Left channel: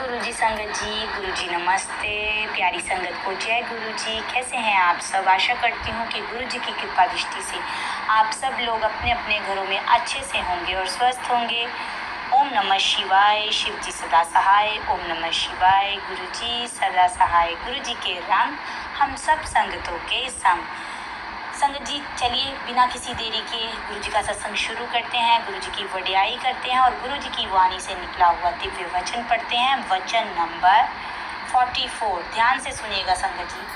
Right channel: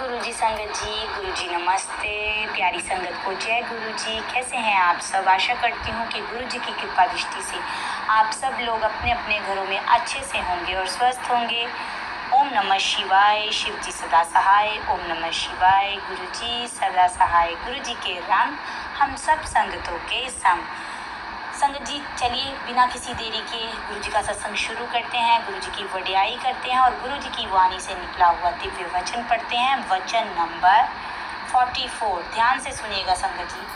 गुरुजी संगत जी, गुरुजी नमस्ते। प्यारी संगत को जय गुरुजी। कैसे हैं आप सब? आशा करती हूँ कि गुरुजी की कृपा दृष्टि से आप सब लोग अपने अपने घरों में अच्छे से होंगे और स्वस्थ होंगे। ओम नमः शिवाय। शिव जी सदा सहाय। ओम नमः शिवाय। गुरुजी सदा सहाय। गुरुजी के रंग हम सब संगतों के संग। संगत जी, चलिए बिना किसी देरी के गुरुजी का सत्संग शुरू करते हैं। गुरुजी की वडियाई करते हैं और गुरुजी की वाणी से निकला हुआ दिव्य वचन पढ़ते हैं। वचन नंबर 44। ध्यान से सुनिएगा संगत जी।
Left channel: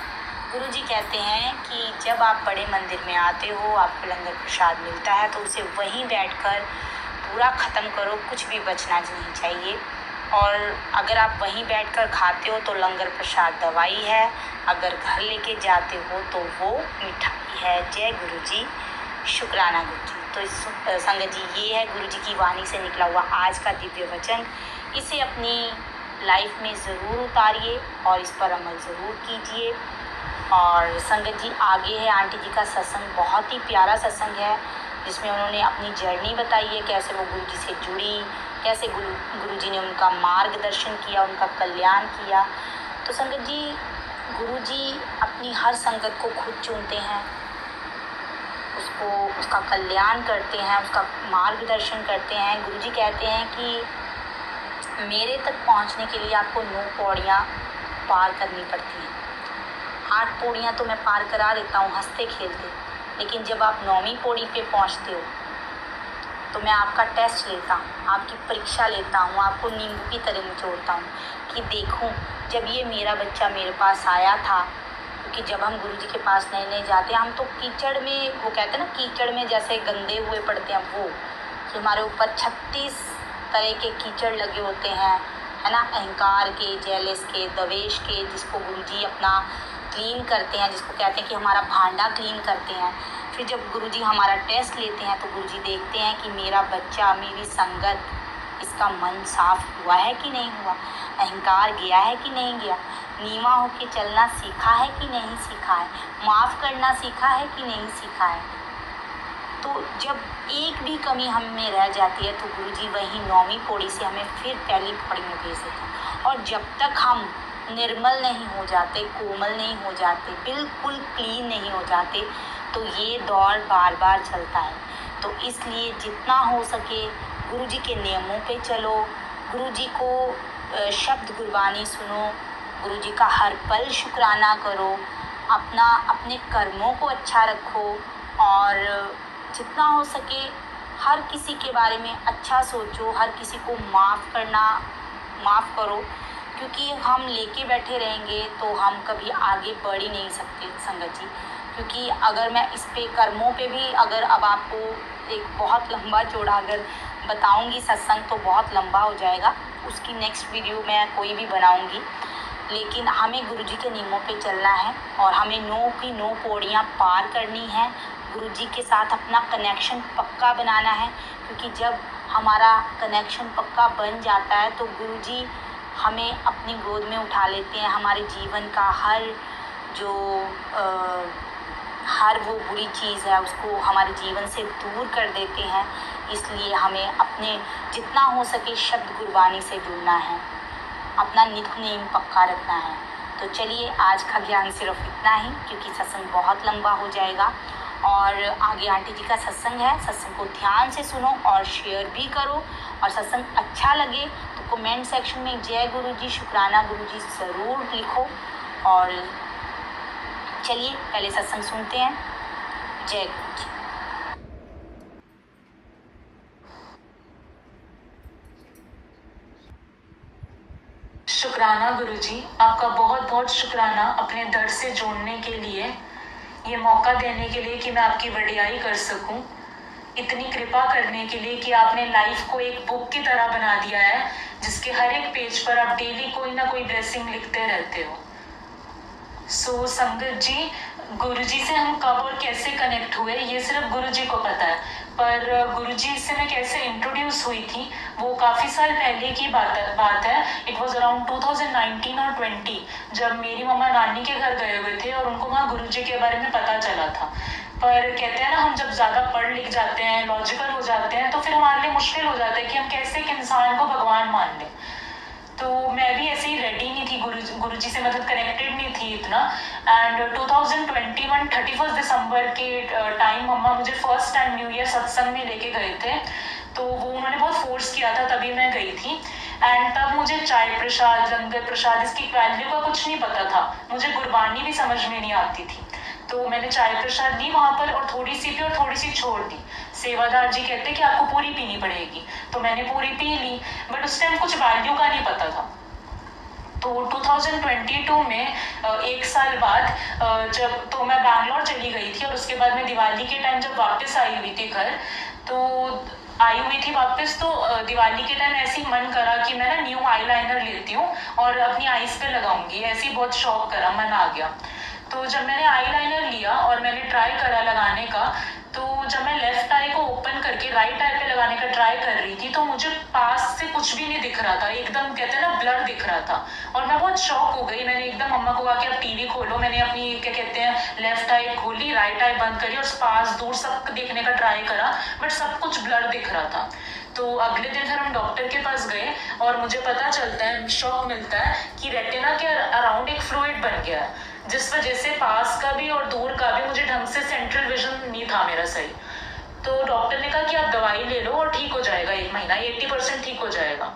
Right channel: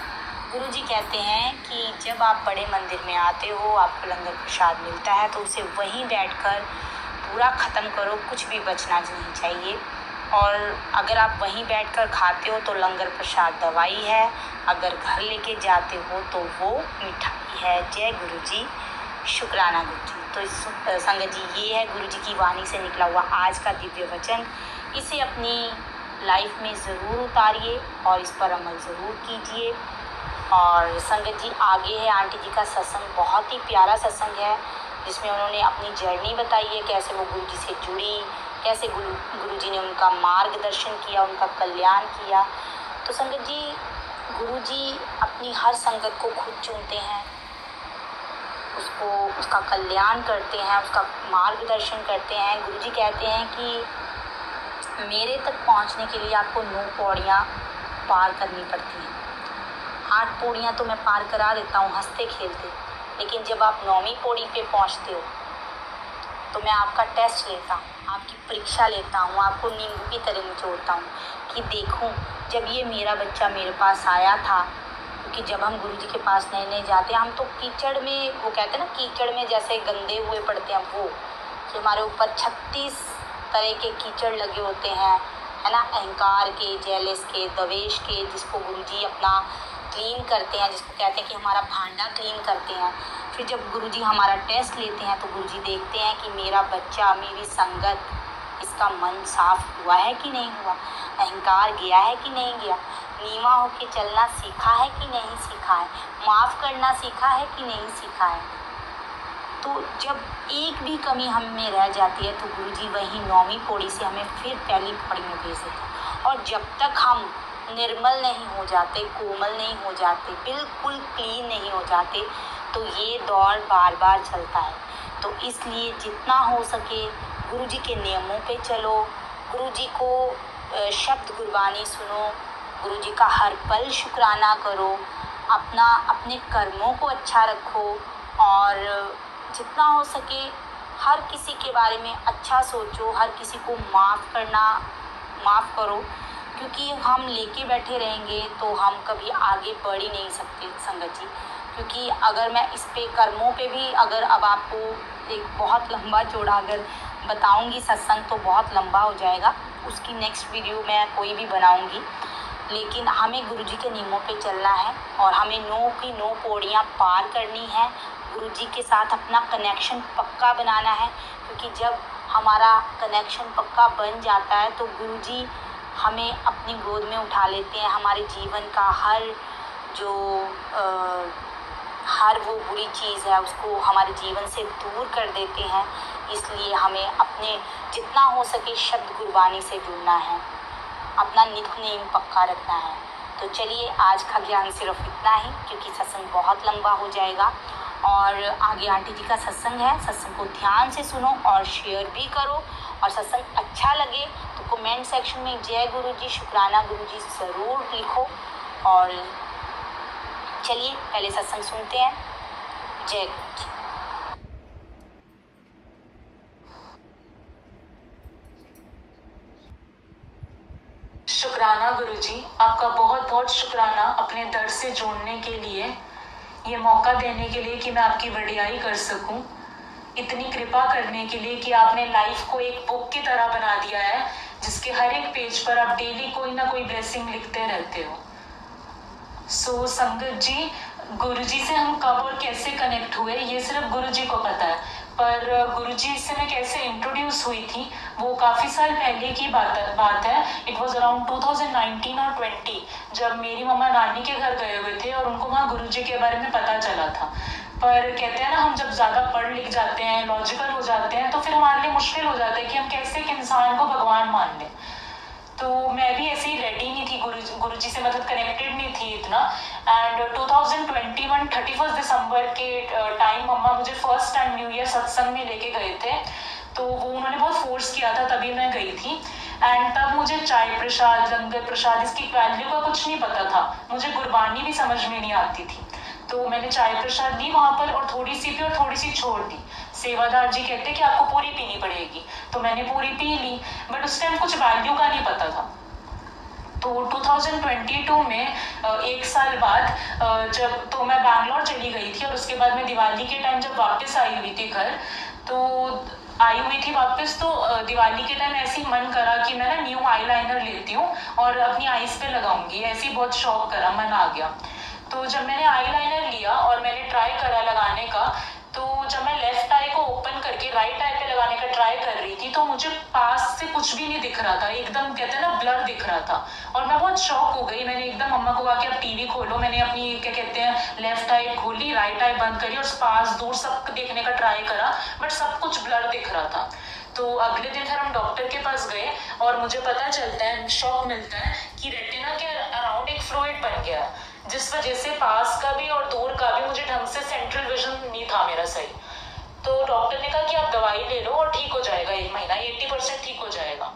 गुरुजी कहते हैं कि जब आप बड़े मंदिर में आते हो, आपको लंगर प्रसाद मिलता है तो उसे वहीं बैठकर पूरा ख़त्म करो, कुछ भी बचना नहीं चाहिए। और अगर आप वहीं बैठकर खाते हो तो लंगर प्रसाद दवाई है, अगर घर लेके जाते हो तो वो मिठाई है। जय गुरुजी, शुक्राना गुरुजी। तो इस संगत जी, ये है गुरुजी की वाणी से निकला हुआ आज का दिव्य वचन। इसे अपनी लाइफ में ज़रूर उतारिए और इस पर अमल ज़रूर कीजिए। और संगत जी, आगे है आंटी जी का सत्संग। बहुत ही प्यारा सत्संग है जिसमें उन्होंने अपनी जर्नी बताई है, कैसे वो गुरुजी से जुड़ी, कैसे गुरुजी ने उनका मार्गदर्शन किया, उनका कल्याण किया। तो संगत जी, गुरुजी अपनी हर संगत को खुद चुनते हैं, उसका कल्याण करते हैं, उसका मार्गदर्शन करते हैं। गुरुजी कहते हैं कि मेरे तक पहुंचने के लिए आपको 9 पौड़ियाँ पार करनी पड़ती हैं। 8 पौड़ियाँ तो मैं पार करा देता हूँ हंसते खेलते, लेकिन जब आप 9वीं पौड़ी पे पहुंचते हो तो मैं आपका टेस्ट लेता हूँ, आपकी परीक्षा लेता हूँ, आपको नींबू की तरह निचोड़ता हूँ कि देखूँ जब ये मेरा बच्चा मेरे पास आया था। क्योंकि जब हम गुरुजी के पास नए नए जाते हैं, हम तो कीचड़ में, वो कहते हैं ना, कीचड़ में जैसे गंदे हुए पड़ते हैं, वो कि हमारे ऊपर 36 तरह के कीचड़ लगे होते हैं, है ना, अहंकार के, जेलस के, द्वेष के, जिसको गुरुजी अपना क्लीन करते हैं, जिसको कहते हैं कि हमारा भांडा क्लीन करते हैं। फिर जब गुरुजी हमारा टेस्ट लेते हैं तो गुरुजी देखते हैं कि मेरा बच्चा, मेरी संगत, इसका मन साफ हुआ है कि नहीं हुआ, अहंकार गया है कि नहीं गया, नीवा होके चलना सीखा है कि नहीं सीखा है, माफ़ करना सीखा है कि नहीं सीखा है। तो जब एक भी कमी हम में रह जाती है तो गुरुजी वही 9वीं पौड़ी से हमें फिर पहली पौड़ी में भेज देते हैं। और जब तक हम निर्मल नहीं हो जाते, कोमल नहीं हो जाते, बिल्कुल क्लीन नहीं हो जाते, तो ये दौर बार बार चलता है। तो इसलिए जितना हो सके गुरुजी के नियमों पे चलो, गुरुजी को शब्द गुरबानी सुनो, गुरुजी का हर पल शुक्राना करो, अपने कर्मों को अच्छा रखो और जितना हो सके हर किसी के बारे में अच्छा सोचो, हर किसी को माफ़ करो। क्योंकि हम लेके बैठे रहेंगे तो हम कभी आगे बढ़ ही नहीं सकते संगत जी। क्योंकि अगर मैं इस पे कर्मों पे भी, अगर अब आपको एक बहुत लंबा चौड़ा अगर बताऊंगी सत्संग तो बहुत लंबा हो जाएगा, उसकी नेक्स्ट वीडियो मैं कोई भी बनाऊंगी। लेकिन हमें गुरुजी के नियमों पे चलना है और हमें 9 की 9 पौड़ियाँ पार करनी है। गुरुजी के साथ अपना कनेक्शन पक्का बनाना है, क्योंकि जब हमारा कनेक्शन पक्का बन जाता है तो गुरुजी हमें अपनी गोद में उठा लेते हैं। हमारे जीवन का हर वो बुरी चीज़ है उसको हमारे जीवन से दूर कर देते हैं। इसलिए हमें अपने जितना हो सके शब्द गुरबानी से जुड़ना है, अपना नित्य नेम पक्का रखना है। तो चलिए, आज का ज्ञान सिर्फ इतना ही, क्योंकि सत्संग बहुत लंबा हो जाएगा और आगे आंटी जी का सत्संग है। सत्संग को ध्यान से सुनो और शेयर भी करो। और सत्संग अच्छा लगे तो कमेंट सेक्शन में जय गुरुजी, शुक्राना गुरुजी ज़रूर लिखो। और चलिए पहले सत्संग सुनते हैं। जय गुरुजी। शुक्राना गुरुजी, आपका बहुत बहुत शुक्राना अपने दर से जोड़ने के लिए, ये मौका देने के लिए कि मैं आपकी वडियाई कर सकूं, इतनी कृपा करने के लिए कि आपने लाइफ को एक बुक की तरह बना दिया है जिसके हर एक पेज पर आप डेली कोई ना कोई ब्लेसिंग लिखते रहते हो। सो संगत जी, गुरुजी से हम कब और कैसे कनेक्ट हुए ये सिर्फ गुरुजी को पता है, पर गुरुजी से मैं कैसे इंट्रोड्यूस हुई थी वो काफ़ी साल पहले की बात है। इट वॉज अराउंड 2019 और 20, जब मेरी मम्मा नानी के घर गए हुए थे और उनको वहाँ गुरुजी के बारे में पता चला था। पर कहते हैं ना, हम जब ज़्यादा पढ़ लिख जाते हैं, लॉजिकल हो जाते हैं, तो फिर हमारे लिए मुश्किल हो जाता है कि हम कैसे एक इंसान को भगवान मान लें। तो मैं भी गुरुजी से मतलब कनेक्टेड नहीं थी इतना। एंड 2021 31 दिसंबर की टाइम मम्मा मुझे फर्स्ट टाइम न्यू ईयर सत्संग में लेके गए थे, तो वो उन्होंने बहुत फोर्स किया था, तभी मैं गई थी। एंड तब मुझे चाय प्रसाद, लंगर प्रसाद, इसकी वैल्यू का कुछ नहीं पता था, मुझे गुरबानी भी समझ में नहीं आती थी। तो मैंने चाय प्रसाद ली वहाँ पर और थोड़ी सी पी और थोड़ी सी छोड़ दी। सेवादार जी कहते कि आपको पूरी पीनी पड़ेगी, तो मैंने पूरी पी ली, बट उस टाइम कुछ वैल्यू का नहीं पता था। तो 2022 में एक साल बाद जब तो मैं बैंगलोर चली गई थी, और उसके बाद मैं दिवाली के टाइम जब वापस आई हुई थी घर, तो आई हुई थी वापस, तो दिवाली के टाइम ऐसे ही मन करा कि मैं ना न्यू आई लाइनर लेती हूँ और अपनी आईज पे लगाऊंगी, ऐसे ही बहुत शौक करा, मन आ गया। तो जब मैंने आई लाइनर लिया और मैंने ट्राई करा लगाने का, तो जब मैं लेफ्ट आई को ओपन करके राइट आई पे लगाने का ट्राई कर रही थी, तो मुझे पास से कुछ भी नहीं दिख रहा था, एकदम कहते हैं ना ब्लर दिख रहा था, और मैं बहुत शॉक हो गई। मैंने एकदम मम्मा को कहा कि आप टीवी खोलो, मैंने अपनी क्या कहते हैं लेफ्ट आई खोली, राइट आई बंद करी और पास दूर सब दिखने का ट्राई करा, बट सब कुछ ब्लर दिख रहा था। तो अगले दिन फिर हम डॉक्टर के पास गए और मुझे पता चलता है, शॉक मिलता है कि रेटिना के अराउंड एक फ्लूइड बन गया है, जिस वजह से पास का भी और दूर का भी मुझे ढंग से सेंट्रल विजन नहीं था मेरा सही। तो डॉक्टर ने कहा कि आप दवाई ले लो और ठीक हो जाएगा, 1 महीना 80% ठीक हो जाएगा।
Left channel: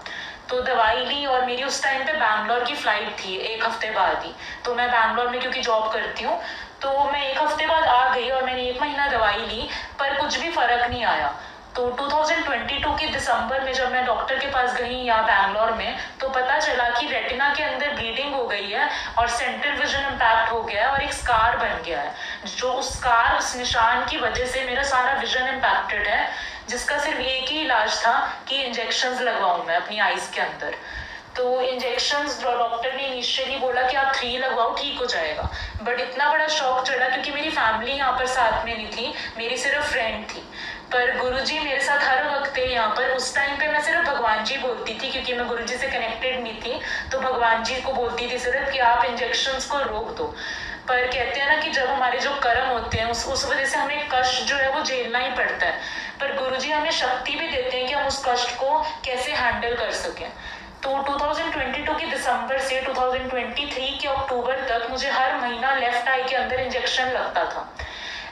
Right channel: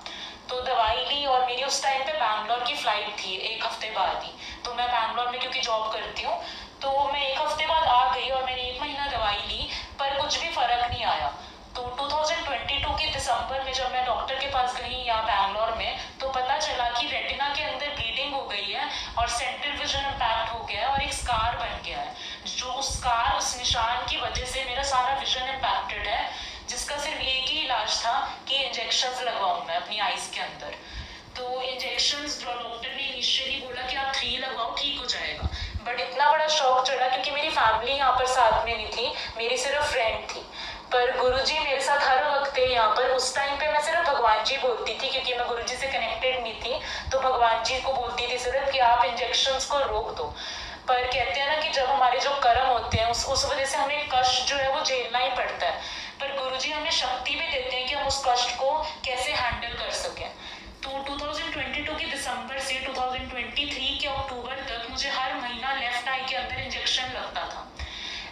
तो दवाई ली और मेरी उस टाइम पे बैंगलोर की फ्लाइट थी 1 हफ्ते बाद ही, तो मैं बैंगलोर में क्योंकि जॉब करती हूँ, तो मैं 1 हफ्ते बाद आ गई और मैंने 1 महीना दवाई ली, पर कुछ भी फर्क नहीं आया। तो 2022 के दिसंबर में जब मैं डॉक्टर के पास गई यहाँ बैंगलोर में, तो पता चला कि रेटिना के अंदर ब्लीडिंग हो गई है और सेंट्रल विजन इम्पैक्ट हो गया है और एक स्कार बन गया है, जो उस स्कार, उस निशान की वजह से मेरा सारा विजन इम्पैक्टेड है, जिसका सिर्फ एक ही इलाज था कि इंजेक्शंस लगवाऊं मैं अपनी आईज के अंदर। तो इंजेक्शंस डॉक्टर ने इनिशियली बोला कि आप 3 लगवाओ, ठीक हो जाएगा, बट इतना बड़ा शॉक चढ़ा क्योंकि मेरी फैमिली यहाँ पर साथ में नहीं थी, मेरी सिर्फ फ्रेंड थी, पर गुरुजी मेरे साथ हर वक्त थे यहाँ पर। उस टाइम पे मैं सिर्फ भगवान जी बोलती थी, क्योंकि मैं गुरुजी से कनेक्टेड नहीं थी, तो भगवान जी को बोलती थी सिर्फ कि आप इंजेक्शंस को रोक दो। पर कहते हैं ना कि जब हमारे जो कर्म होते हैं उस वजह से हमें कष्ट जो है वो झेलना ही पड़ता है, पर गुरुजी हमें शक्ति भी देते हैं कि हम उस कष्ट को कैसे हैंडल कर सकें। तो 2022 के दिसंबर से 2023 के अक्टूबर तक मुझे हर महीना लेफ्ट आई के अंदर इंजेक्शन लगता था,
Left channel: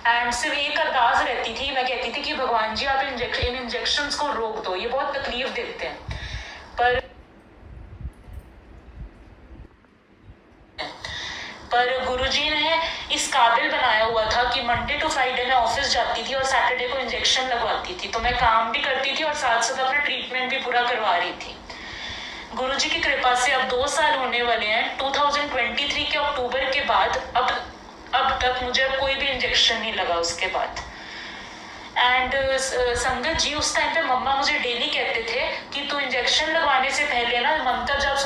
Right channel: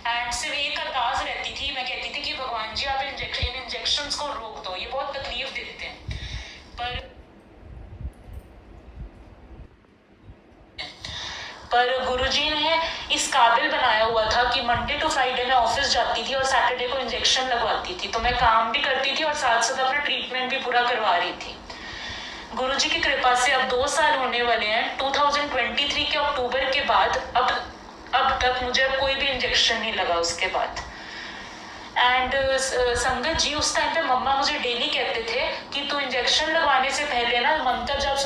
एंड सिर्फ एक अरदास रहती थी, मैं कहती थी कि भगवान जी आप इन इंजेक्शंस को रोक दो, ये बहुत तकलीफ देते हैं। पर गुरुजी ने इस काबिल बनाया हुआ था कि मंडे टू फ्राइडे मैं ऑफिस जाती थी और सैटरडे को इंजेक्शन लगवाती थी, तो मैं काम भी करती थी और साथ साथ अपना ट्रीटमेंट भी पूरा करवा रही थी। गुरुजी की कृपा से अब 2 साल होने वाले हैं। 2023 के अक्टूबर के बाद अब तक मुझे कोई भी इंजेक्शन नहीं लगा उसके बाद। एंड संगत जी, उस टाइम पे मम्मा मुझे डेली कहते थे कि तू इंजेक्शन लगवाने से पहले ना मंत्र जब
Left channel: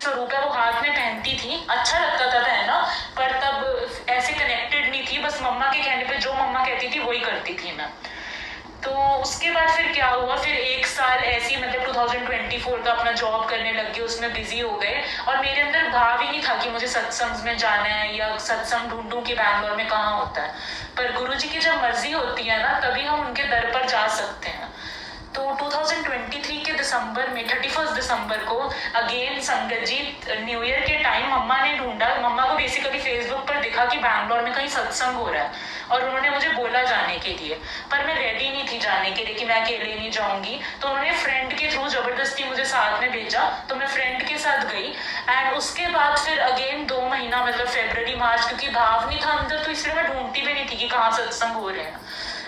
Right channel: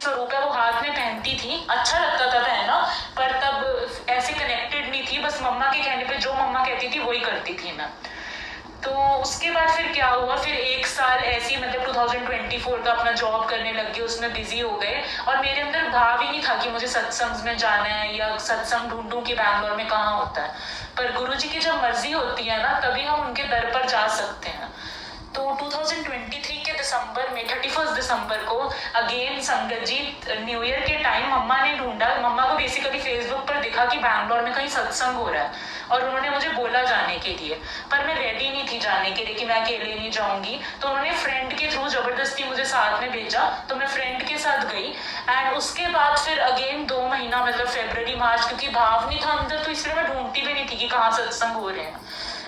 स्वरूप है, तो हाथ में पहनती थी, अच्छा लगता था पहनना, पर तब ऐसे कनेक्टेड नहीं थी, बस मम्मा के कहने पे जो मम्मा कहती थी वही करती थी मैं। तो उसके बाद फिर क्या हुआ, फिर 1 साल ऐसे ही मतलब 2024 का अपना जॉब करने लग गए, उसमें बिजी हो गए, और मेरे अंदर भाव ही नहीं था कि मुझे सत्संग में जाना है या सत्संग ढूंढूं कि बैंगलोर में कहाँ होता है। पर गुरुजी की जब मर्जी होती है ना, तभी हम उनके दर पर जा सकते हैं। तो 2023 के दिसंबर में 31 दिसंबर को अगेन संगत जी न्यू ईयर के टाइम मम्मा ने ढूंढा, मम्मा को बेसिकली फेसबुक पर दिखा कि बैंगलोर में कहीं सत्संग हो रहा है, और उन्होंने मुझे बोला जाने के लिए, पर मैं रेडी नहीं थी जाने के लिए कि मैं अकेले नहीं जाऊंगी, तो उन्होंने फ्रेंड के थ्रू जबरदस्ती मुझे साथ में भेजा, तो मैं फ्रेंड के साथ गई। एंड उसके बाद फिर अगेन 2 महीना मतलब फरवरी मार्च, क्योंकि भाव नहीं था अंदर, तो इसलिए मैं ढूंढती भी नहीं थी कि कहाँ सत्संग हो रहे हैं।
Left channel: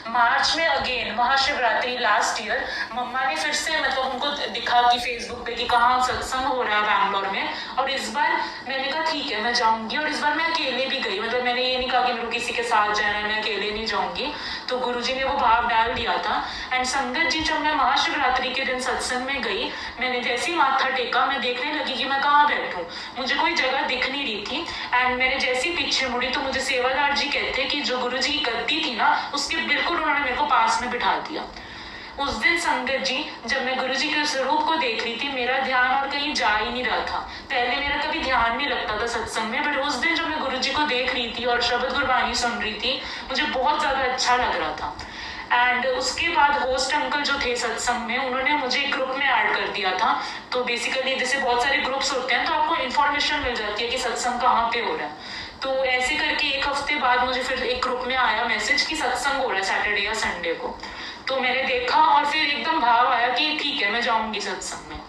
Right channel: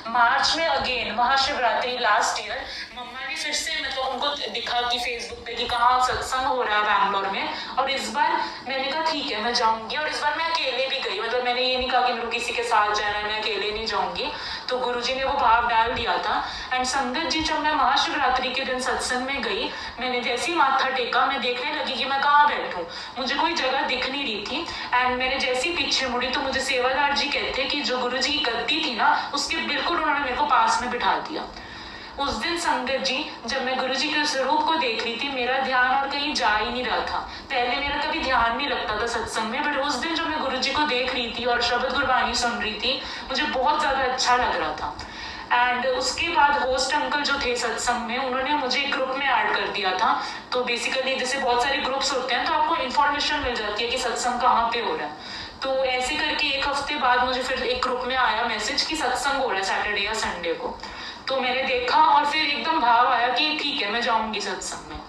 मार्च में अगेन महाशिवरात्रि लास्ट ईयर मम्मा ने फिर से मतलब उनको दिखा कि फेसबुक पे कि कहाँ सत्संग हो रहा है बैंगलोर में, और इस बार मैंने कहा ठीक है मैं जाऊंगी, और इस बार मैं अकेले भी गई, मतलब मैंने ये नहीं कहा कि मैं किसी के साथ जाना है, मैं अकेले नहीं जाऊंगी। तो गुरुजी ने वो भाव डाल दिया था। एंड संगत जी, जब मैं महाशिवरात्रि के दिन सत्संग में गई, मैंने जैसे ही माथा टेका, मैं देखने लगी कि मैं कहाँ बैठूं, मुझे कोई जगह दिख नहीं रही थी। एंड मैंने जैसे ही पीछे मुड़ी तो मुझे सेवादार जी कहते कि जो गुरुजी की गद्दी थी ना, उसके बिल्कुल उन्होंने मेरे को पास में बिठा दिया। उस दिन संगत जी जब मैं गुरुजी के स्वरूप को देख रही थी, मेरा ध्यान और कहीं जा ही नहीं रहा था। पहले मेरा कभी ध्यान नहीं लगता था सत्संग में, बट उस दिन जब मैं गुरुजी को देख रही थी और शब्द गुरबानी सुन रही थी, मुझे बहुत ज़्यादा अच्छा लग रहा था। एंड उसके बाद होस्ट अंकल जो थे सत्संग में, उन्होंने मुझे एक ग्रुप में ऐड कर दिया था। तो बेसिकली जैसे बहुत सारे ग्रुप्स होते हैं तो आपको इन्फॉर्मेशन मिल जाती है कि सत्संग कहाँ पे हो रहा है। तो ऐसे करके एक हफ्ते बाद मुझे फिर एक ग्रुप में आया मैसेज कि सत्संग हो रहा है सैटरडे या संडे को। तो मैंने देखा और फिर एकदम भाव आया कि ठीक है, मैं जाऊंगी सत्संग में।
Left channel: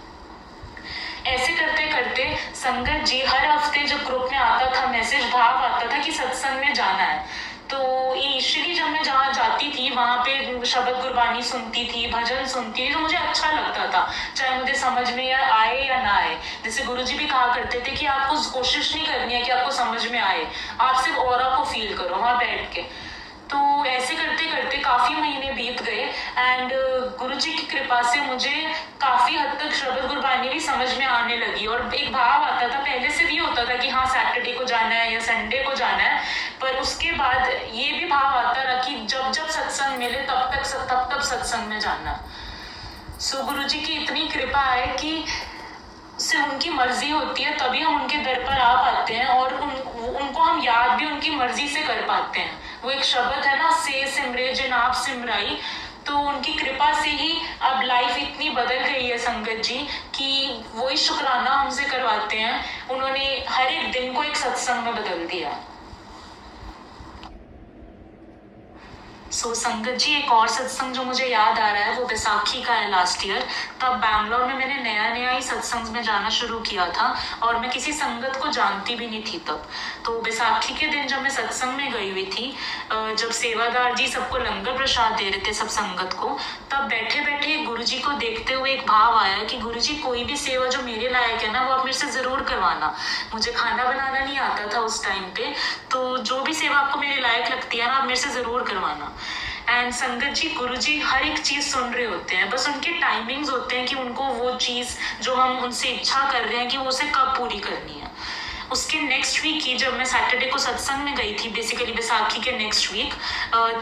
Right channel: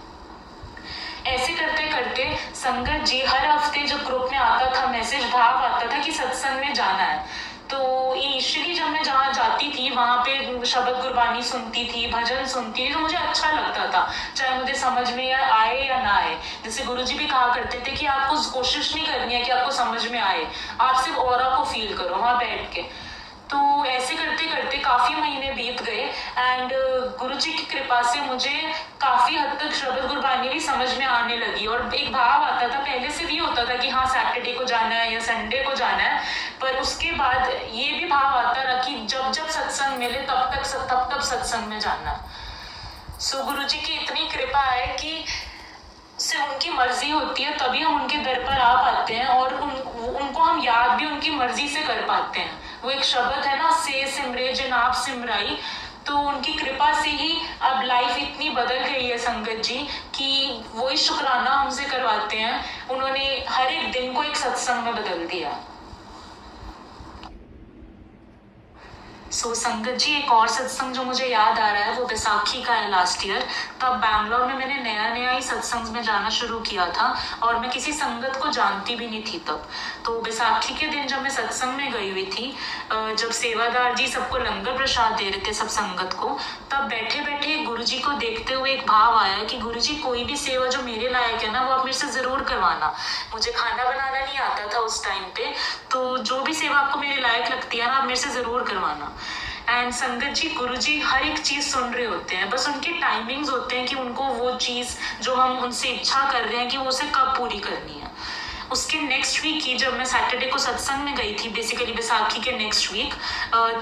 ऐसे करते करते संगत जी हर हफ्ते जब ग्रुप में आता था मैसेज, भाव आता था कि सत्संग में जाना है। तो इनिशियली जब मैं जहाँ जाती थी वहाँ पे शब्द गुरबानी सुनती थी, भजन सुनती थी, तो मुझे अच्छा लगता था, चाहे मुझे समझ में आए या ना आए। जैसे गुरुजी भी कहा करते थे कि आपको कोशिश नहीं करनी है कि आपको समझ में आए, आप सिर्फ ऑरा को फील करो वहाँ बैठ के। तो ऐसे करते करते काफ़ी महीने बीत गए एंड गुरुजी की कृपा से मुझे काफ़ी हद तक शब्द गुरबानी भी समझ में आने लगी। और एक भाव आता था, पहले से भी होता था कि हाँ सैटरडे को जाना है या संडे को जाना है, पर उसके बाद ये भी भाव आता रहा कि जब जब सत्संग मिले तब तक सत्संग में जाना। सो गुरुजी की इतनी कृपा है कि सिर्फ उनकी मर्जी होती है तभी हम उनके दर पर आ पाते हैं और उनको हम याद भी उनकी मर्जी से कर पाते हैं। वो एक शब्द है ना, से सिमरे जिन आप सिमराई, तो उनकी कृपा से ही अब लाइफ इतनी बदल गई है संगत जी कि वही शुक्राना हमसे करवाते हैं। उन्होंने हर एक दिन को एक सत्संग में बदल दिया। सो संगत जी एक और सत्संग जो मुझे याद आ रहा है वो बैसाखी का है लास्ट ईयर। तब बैंगलोर में मैंने नया ही सत्संग में जाना शुरू किया था और मैं किसी संगत को जानती भी नहीं थी तब। तो बैसाखी के दिन जब मैं सत्संग में गई हुई थी, जब सेवादार जी सबको लंगर प्रसाद दे रहे थे सब संगत को, तब बैठे बैठे गुरुजी को देखते हुए एक भाव आया कि गुरुजी कोई भी सेवा जो मेरे लायक है ना वो आप मेरे से ज़रूर करवाना। मुझे खाना बनाना नहीं आता था उस टाइम पे, तो जो भी सेवा आपको मेरे लायक लगती है ना आप मेरे से ज़रूर करवाना। एंड संगत जी गुरुजी हर एक चीज़ सुन रहे होते हैं, बस उनके टाइमिंग्स होते हैं कि उनको वो चीज़ जो हम उनसे इच्छा कर रहे हैं कि वो उसे कब पूरी करनी है। उसके नेक्स्ट वीक ही जब मैं सैटरडे को सत्संग में गई थी, बेसिकली बैसाखी के नेक्स्ट वीक,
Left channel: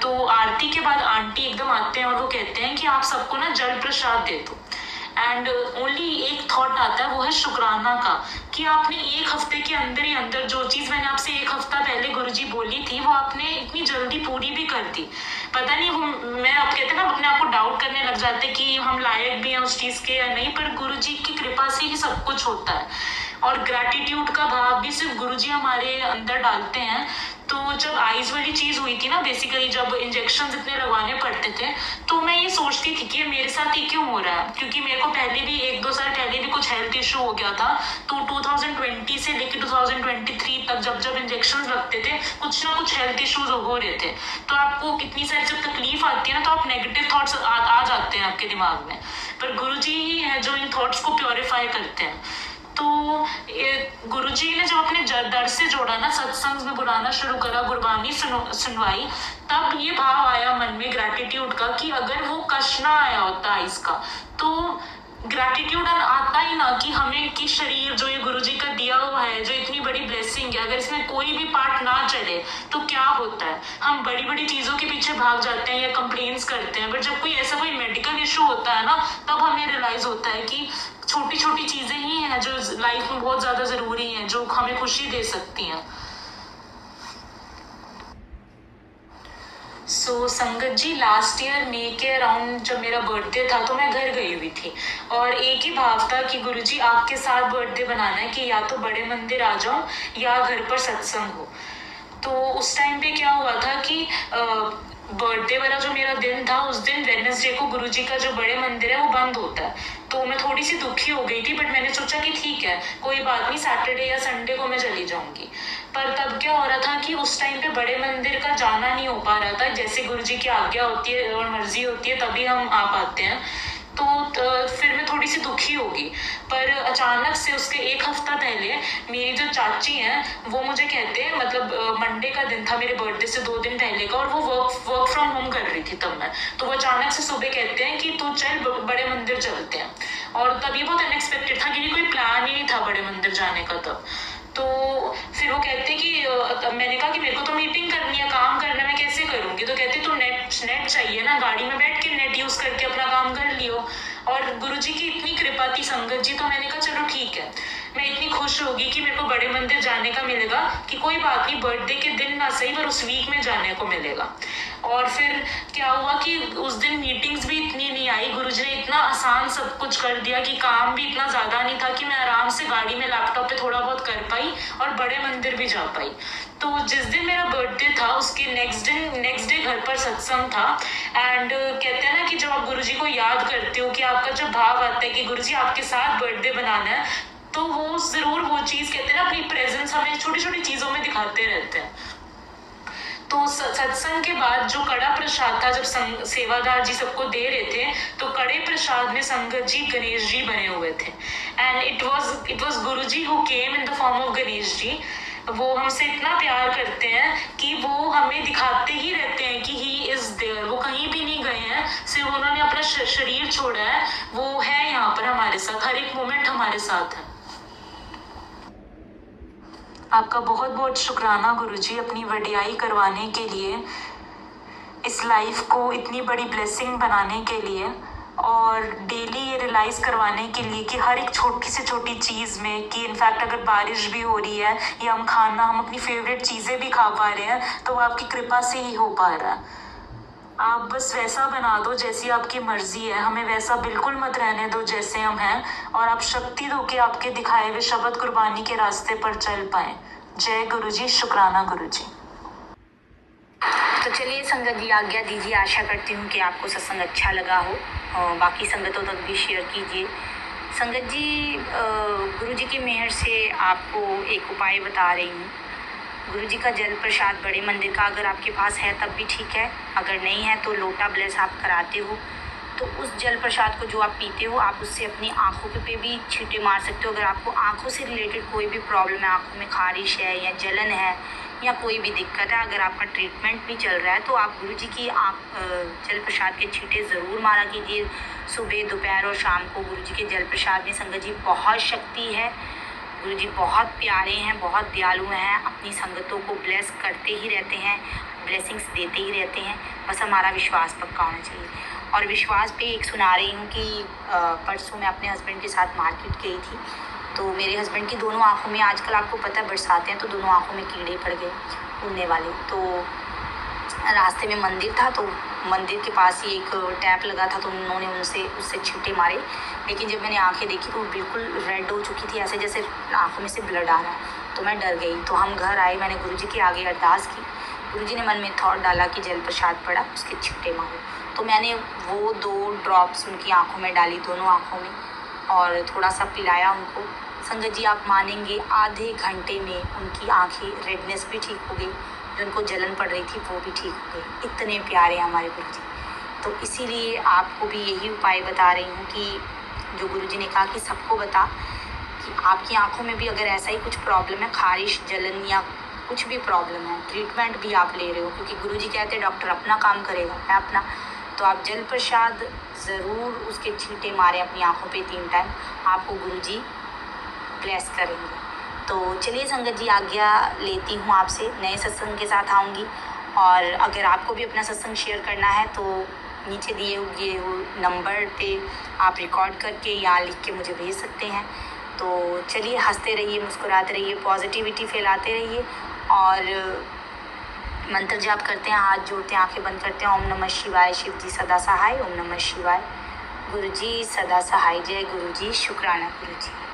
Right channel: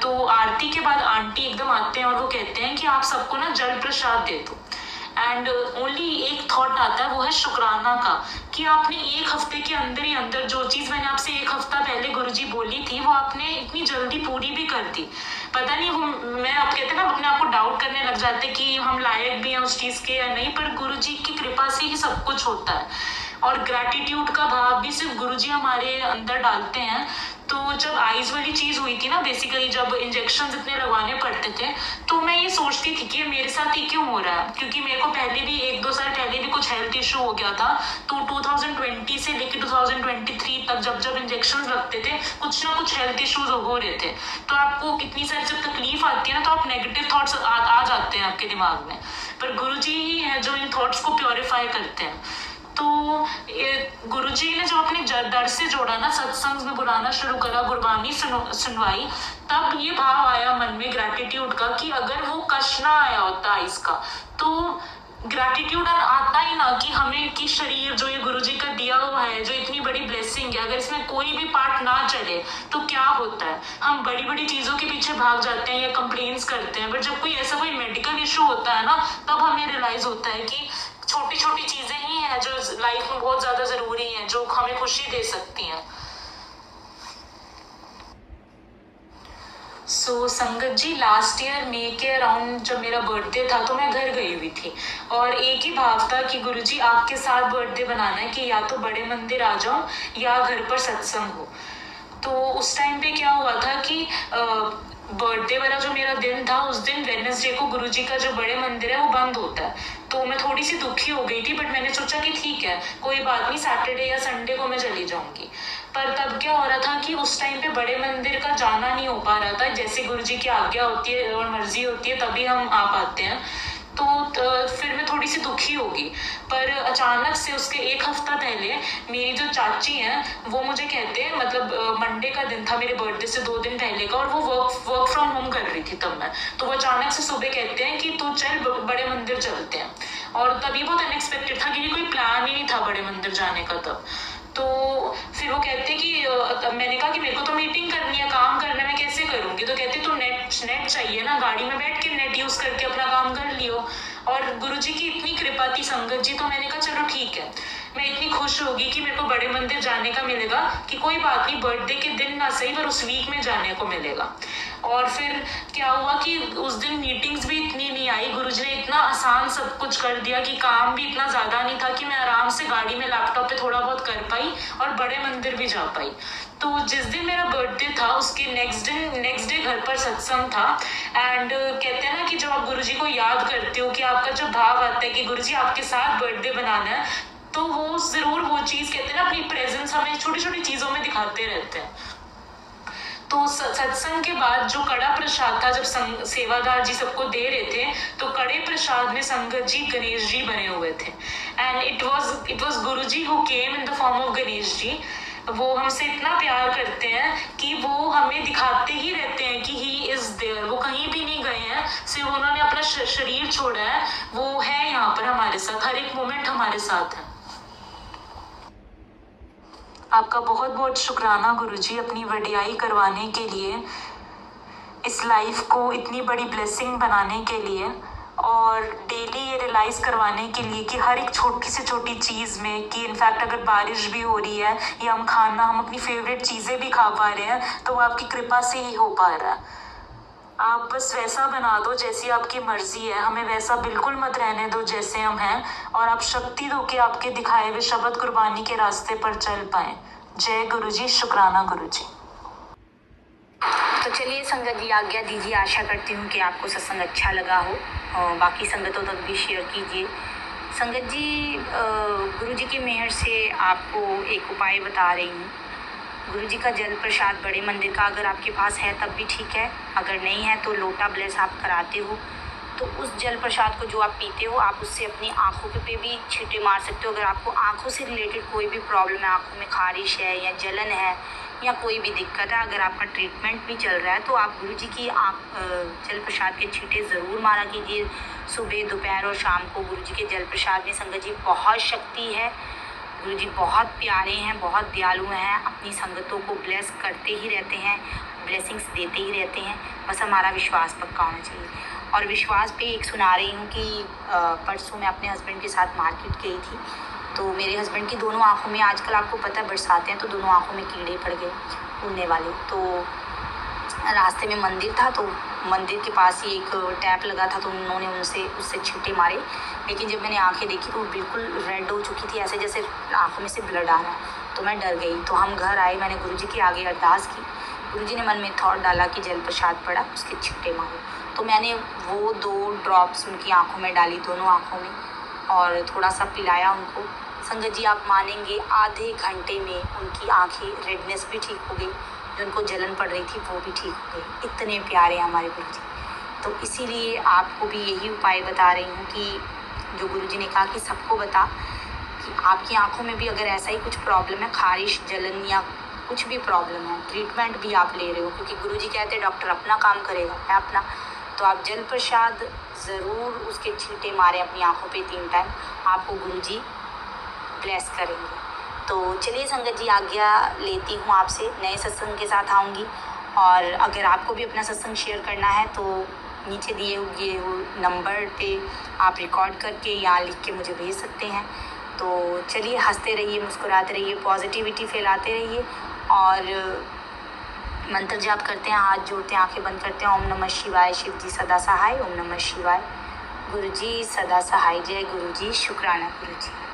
तो आरती के बाद आंटी एकदम आते हैं और वो कहते हैं कि आप सबको ना जल प्रसाद दे दो। एंड ओनली एक थॉट आता है, वो है शुक्राना का, कि आपने एक हफ्ते के अंदर ही अंदर जो चीज़ मैंने आपसे एक हफ्ता पहले गुरुजी बोली थी वो आपने इतनी जल्दी पूरी भी कर दी। पता नहीं वो, मैं आप कहते हैं ना अपने आप को डाउट करने लग जाते कि हम लायक भी हैं उस चीज़ के या नहीं, पर गुरुजी की कृपा से ही सब कुछ होता है। और ग्रैटिट्यूड का भाव भी सिर्फ गुरुजी हमारे अंदर डालते हैं। तो जब आइज़ वाली चीज़ हुई थी ना, बेसिकली जब इंजेक्शन इतने लगवाने पड़ते थे, तो मैं ये सोचती थी कि मेरे साथ ही क्यों हो रहा है, क्योंकि मेरे को पहले भी 1-2 साल पहले भी कुछ हेल्थ इशू हो गया था। तो 2020 से लेकर 2023 तक जब जब इंजेक्शन लगते थे कुछ ना कुछ हेल्थ इश्यूज हो रहे थे। तो आपको कितनी सारी जब तकलीफ आती है ना, तो आप नेगेटिव थॉट्स आ जाते हैं आपके दिमाग में, पर गुरुजी ही है जो इन थॉट्स को प्योरीफाई करते हैं। तो गुरुजी ने जब अपने दर से जोड़ा ना, सत्संग में बुलाना शुरू करा, गुरबानी सुनवाई, तब ये भाव आया मन में ग्रैटिट्यूड का कि अगर वो कष्ट ना आया होता इसका, तो ग्रैटिट्यूड आता ही ना कि हमें कि शरीर जो ये गुरुजी का दिया हुआ है, जो इतनी बड़ी ब्लेसिंग है, अगर इसमें कोई भी पार्ट ना चले तो क्या होता है। हम बड़ी बड़ी चीज़ों के पीछे भाग जाते हैं या कंप्लेंट्स करते हैं, बट जब कोई ऐसा कोई मेडिकल इशू होता है ना, तब हमें रियलाइज होता है कि छोटी छोटी चीज़ें ही हैं जो लाइफ में बहुत ज़्यादा ज़रूरी हैं, जो हमें खुशी दे सकती हैं। सो संगत जी लास्ट ईयर मई के अराउंड जब मेरा बर्थडे था तो मैं घर गई हुई थी और एक ही भाव था कि गुरुजी आपके साथ बर्थडे बनाना है कि या तो बड़े मंदिर आ जाऊं या घर पर सत्संग हो। तो उस टाइम पे क्या हुआ था कि बर्थडे वाला जो मेरा दिन था, उस दिन वेडनेसडे को गुरुजी का जो बड़े मंदिर है वो बंद होता है। तो मैं थोड़ी सी दुखी हो गई थी, बट मैंने सोचा कि ठीक है कोई बात नहीं, सैटरडे या संडे को मैं चली जाऊंगी। पर तब क्या हो रहा था कि उस टाइम पे बड़े मंदिर का जाना नहीं हो पा रहा था। जैसे गुरुजी की आज्ञा होती है और मर्जी होती है तभी हम आ पाते हैं। तो फिर मैं थोड़ी सी दुखी होगी, पर अचानक से उसके एक हफ्ता पहले मेरी जो चाची हैं वो मुझे कहते हैं, मतलब मंडे का दिन था मेरे बर्थडे से 2 दिन पहले का, और वो वर्क फ्रॉम होम कर रही थी तब मैं। तो वो अचानक से सुबह कहते हैं कि तू चल बड़े मंदिर चलते हैं। और तब ये बहुत अनएक्सपेक्टेड था क्योंकि कोई प्लान ही नहीं था बड़े मंदिर जाने का तब। तो फिर वो कहते कि मैंने कहा कि मेरे को तो मीटिंग करनी है, काम करना है, मैं कैसे करूँगी? तो कहते तो नेट चाहिए ना, गाड़ी में बैठ के नेट यूज़ करके अपना काम कर लियो। और गुरुजी की इतनी कृपा थी संगत जी, तो मैंने कहा चलो ठीक है, मैं इतनी खुश होगी कि मेरे को बड़े मंदिर जाने का मिलेगा कि कोई बात नहीं, बर्थडे के दिन ना सही पर उस वीक में जाने को मिलेगा। और फिर क्या हुआ कि उस दिन मीटिंग्स भी इतनी नहीं आई, गुरुजी ने इतना आसान सब कुछ कर दिया कि काम भी इतना ज़्यादा नहीं था कि मैं आराम से गाड़ी में लैपटॉप पे थोड़ा बहुत कर पाई और बड़े मंदिर भी जा पाई। तो जिस दिन मेरा बर्थडे था उसके नेक्स्ट डे घर पर सत्संग था। एंड कहते हैं ना कि जब आप गुरुजी को याद करते हो कि आपका जब भाव आता है कि गुरुजी आपके साथ बर्थडे बनाना है, तो वो ज़रूर वो चीज़ कहते हैं ना, अपनी प्रेजेंस हमें छोटी छोटी चीज़ों में दिखाते रहते हैं। तो सत्संग के बाद जो कड़ा प्रसाद था, जब सेवादार जी सबको दे रहे थे, तो कड़े प्रसाद में संगत जी गणेश जी बने हुए थे। And it was Guruji who came in the form of Ganesh ji. वो हमसे इतना प्यार करते हैं कि वो हमें दिखाते ही रहते हैं कि ही इज़ देयर। वो कहीं भी नहीं गए हैं, सिर्फ उन्होंने अपना शरीर छोड़ा है, वो है यहाँ पर हमारे साथ, हर एक मोमेंट हमारे साथ है। आपका बहुत बहुत शुक्राना गुरुजी, अपनी वडियाई करवाने के लिए, इस लाइफ को इतनी बड़ी ब्लेसिंग बनाने के लिए, और डेली ये रियलाइज़ करवाने के लिए कि हर एक छोटी से छोटी चीज़ में, कि इनफैक्ट अगर बारिश भी हो रही है या हम अपनी फेवरेट चीज़ें भी खा पा रहे हैं, तो वो आपकी कृपा से ही हो पा रहा है। आप बस वैसा बना दो जैसी आपकी मर्जी है, हमें वैसा बिल्कुल मत रहने दो जैसे हम हैं, और आप शक्ति दो कि आपके दिखाए हुए शब्द कुर्बानी के रास्ते पर चल पाए। जय गुरुजी, शुक्राना गुरुजी। तो चलिए संगत जी, आज्ञा दीजिए। आशा करती हूँ कि आपको सत्संग अच्छा लगा हो, और बाकी संगतों तक भी शेयर कीजिए। संगत जी, गुरुजी की मेहर से आपको एक उपाय बता रही हूँ। गुरुजी का जल प्रसाद बड़े मंदिर का अगर आपके पास है तब भी ठीक है, अगर नहीं है तो लोटा ब्लेस आप कराते हो, तो उस जल प्रसाद को जो आप पीते हो, आप उससे अपनी आँखों पे भी छींटे मार सकते हो। अगर आपको आँखों से रिलेटेड कोई भी प्रॉब्लम है, आँखों में खारिश है या जलन है या कोई भी दिक्कत है, अगर आपका ट्रीटमेंट भी चल रहा है, तो आप गुरुजी की जल प्रसाद के छींटे ज़रूर मारा कीजिए, सुबह, दोपहर और शाम को। गुरुजी के जल प्रसाद में संगत जी बहुत शक्ति है। गुरुजी बहुत प्यारे हैं, बहुत दयालु हैं, अपनी संगतों को ब्लेस करते ही रहते हैं, ब्लेसिंग्स देते ही रहते हैं। बस हमारा विश्वास पक्का होना चाहिए। और विश्वास पे एक सुना रही हूँ कि परसों मैं अपने हस्बैंड के साथ मार्केट गई थी, तो मेरे हस्बैंड की दोनों आँखों में, आजकल आपको पता है बरसाते हैं, तो दोनों आँखों में कीड़े पड़ गए उड़ने वाले। तो रास्ते में मंदिर था, तो मंदिर के पास ही एक टैप लगा था, तो उन्होंने उससे छींटे मारे, लेकिन जब मैंने आंखें देखी तो वो बिल्कुल रेड हो चुकी थी, ऐसे जैसे आंखों में से ब्लड आ रहा है। तो मैं डर गई। तो हम घर आए, मैंने गुरुजी के आगे अरदास की। गुरुजी ने मन में थॉट डाला कि जल प्रसाद पड़ा, उसके छींटे मारो। तो मैंने वो 2 ड्रॉप्स उनकी आँखों में डाली, दोनों आँखों में, और थोड़ा सा पिलाया उनको। संगत जी, आप मानेंगे आधे घंटे में उनकी आँखें रेडनेस भी ठीक हो गई, जो उनको जलन पड़ रही थी वो भी ठीक हो गई। इतने प्यारे हैं हमारे गुरुजी। तो इसीलिए आपको भी यही उपाय बता रही हूँ कि जो गुरुजी ने कहा कि सबको बता कि आपकी आंखों में भी अगर ऐसा ही कुछ प्रॉब्लम है, खारिश, जलन या कुछ भी प्रॉब्लम है, ट्रीटमेंट भी आप ले रहे हो, क्योंकि गुरुजी कहते हैं डॉक्टर अपना काम करेगा, मैं अपना। तो आप जल प्रसाद ज़रूर उसके छींटे मारें अपनी आंखों पे 3 टाइम, आपको गुरुजी ब्लेस करेंगे। तो चलिए संगत जी, आज्ञा लेती हूँ आपसे, नए सत्संग के साथ आऊँगी। और अगर आपको भी अपना सत्संग शेयर करना है तो नीचे दिए हुए नंबर पे आप रिकॉर्ड करके यहाँ लिख के मुझे भेज सकते हैं। तो चलिए, हंसते रहिए, मुस्कुराते रहिए, पॉजिटिविटी फैलाते रहिए, और मंत्र जाप करते हैं, हाथ जोड़ते हैं, आंखें बंद करते हैं। ओम नमः शिवाय, शिव जी सदा सहाय। ओम नमः शिवाय, गुरु जी सदा सहाय। जय गुरु जी, शुक्राना गुरु जी।